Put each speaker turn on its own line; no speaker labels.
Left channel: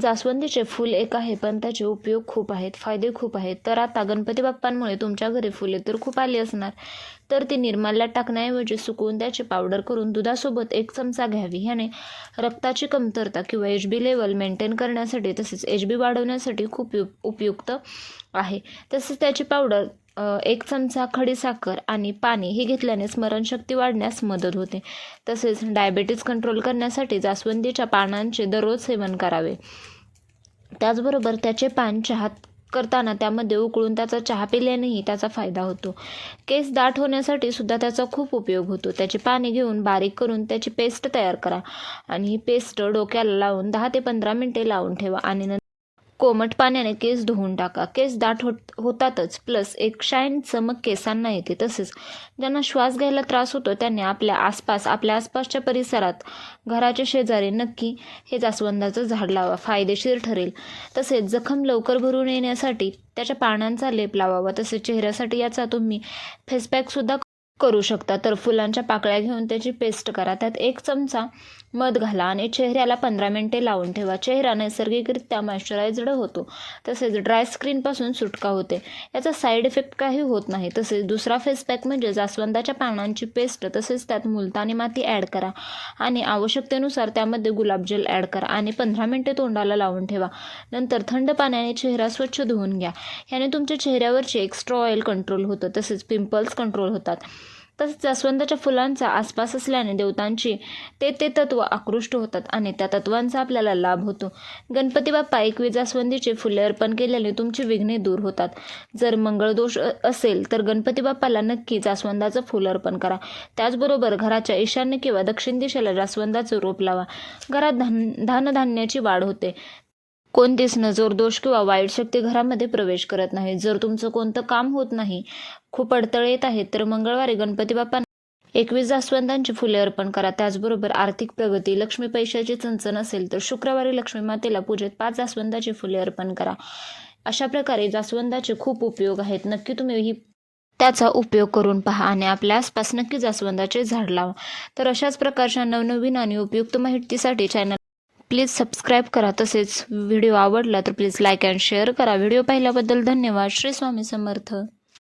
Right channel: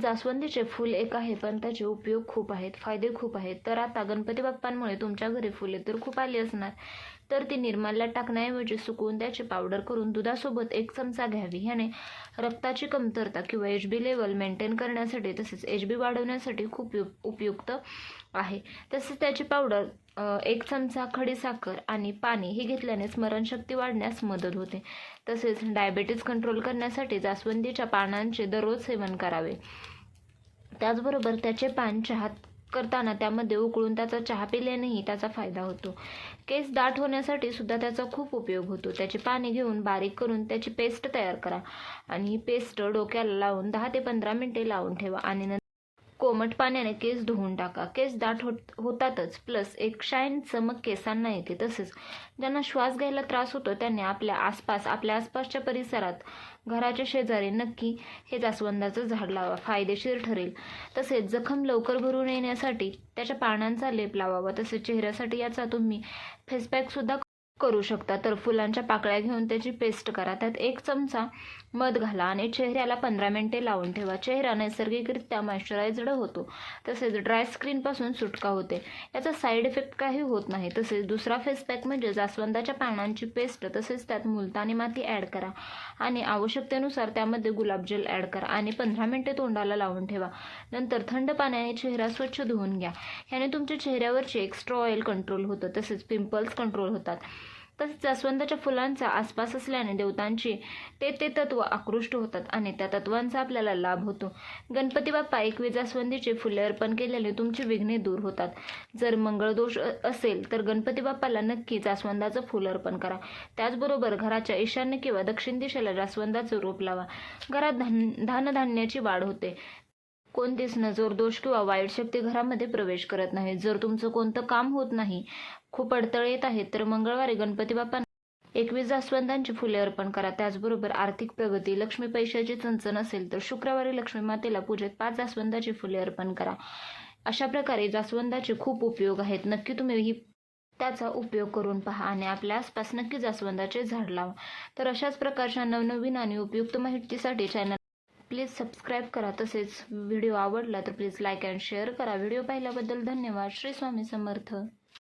जास्वंदीचे फूल एक आहे पण त्याचे उपयोग खूप आहेत फायदे खूप आहेत. तर आता गणपती बाप्पांमुळे तुमच्या घरी फुले तर खूप आली असणार. तर ती निर्माल्यात टाकण्याऐवजी सुकवून त्याची पावडर करून दुधासोबत एक चमचा घ्यावी. ह्याने रक्ताची कमतरता किंवा एच बी लेवल मेंटेन करण्यासाठी तसेच एच बी वाढवण्यासाठी खूप उपयु उपयुक्त आहे. तसेच त्याची पावडर एक चमचा खडीसाखर आणि पाणी हे घेतल्याने स्मरणशक्ती वाढण्यास मदत होते. तसेच डायबेटीज कंट्रोल करण्यासाठी जास्वंदीच्या पानांचे दररोज सेवन करावे. त्याचबरोबर त्याचे पान चहात करताना त्यामध्ये उकळून त्याचा चहा पिल्यानेही त्याचा फायदा होतो. केस दाट होण्यासाठी सुद्धा त्याचा खूप उपयोग होतो. त्याची पाने घेऊन बारीक करून त्याची पेस्ट तयार करा आणि ही पेस्ट डोक्याला लावून दहा ते पंधरा मिनटे लावून ठेवा आणि नंतर कोमट पाण्याने केस धुवून टाका. केस दाट होत होतातच. प्लस एक शाईन चमक केसांना येते तसेच. ज्यांना श्वास घ्यायला त्रास होतो त्यांनी आपल्या आसपास आपल्या आसपासच्या परिसरात घराच्या शेजारी नक्की हे जास्वंदाचं झाड लावा. फायदेशीर ठरेल. तसेच जखम लवकर भरून येण्यासाठी त्याच्या पानांचा लेप लावावा. तसेच चेहऱ्यासाठी याचा तुम्ही फेसपॅकसुद्धा करू शकता. तर फुलांच्या पाकळ्या घेऊन त्याची पेस्ट करा. त्यात एक चमचा मध घाला आणि चेहऱ्याला पंधरा मिनटे लावून ठेवा. चेहरा नैसर्गिकरित्या मॉइश्चरायझड होतो. तसेच ड्राय स्किनपासून सुटका होते. याचा साईड इफेक्ट काही होत नाही. तसेच दुसरा फेस पॅक म्हणजे जास्वंदाच्या पानांची पेस्ट तसेच त्यात मुलतानी माती ॲड करा. आणि आवश्यकतेनुसार त्यामध्ये गुलाबजल ॲड करा. आणि पंधरा मिनटे तोंडाला लावून ठेवा. नंतर थंड पाण्याने चेहरा स्वच्छ धुवून घ्या. ह्याने तुमच्या चेहऱ्यावरचे एक्स्ट्रा ऑइल कंट्रोल होतं. तसेच पिंपल्स कंट्रोल होतात. तसेच जास्वंदाच्या फुलांचा आसपास असल्याने देवतांची ते ते तत्व आकृष्ट होतात आणि त्या तत्वांचा आपल्याला लाभ होतो. गणपती बाप्पा एकवी जास्वंदीचे फुले अर्पण केल्याने तुमची विघ्ने दूर होतात. जर मंगळदोष असेल तर गणपती बाप्पाला नक्की जास्वंदाचं फुल अर्पण करा. त्याचबरोबर घराच्या ईशान्य किंवा दक्षिण दिशेला जास्वंदाचं रोप लावा. घरात धान धानधान्याची वाढ होते. कोणतीच नजर दोष किंवा वाईट शक्ती घरामध्ये प्रवेश करत नाही जर तुमचं कोणतं काम होत नाही खूप अडथळे येत आहेत तर मंगळवारी गणपती बाप्पा एकवीस जास्वंदांची फुले अर्पण करा. त्याचबरोबर आर्थिक प्रगती लक्ष्मी पैशाची चणचण असेल तर शुक्रवारी लक्ष्मी मातेला पूजेत पाच जास्वंदाची फुले अर्पण करा. अशा प्रकारे जास्वंदाचे खूप उपयोग आहेत. नक्की तुम्ही ही त्याचा उपयोग करून पहा आणि आपल्या आसपास नक्की जास्वंदाचे झाड लावा. तर अशाच प्रकारच्या नवनवीन आणि उपयुक्त माहितीसाठी चॅनल प्लीज सबस्क्राईब करा. तसेच व्हिडिओ आवडला तर प्लीज लाईक अँड शेअर करा. व्हिडिओ पाहिल्याबद्दल धन्यवाद. श्री स्वामी समर्थ.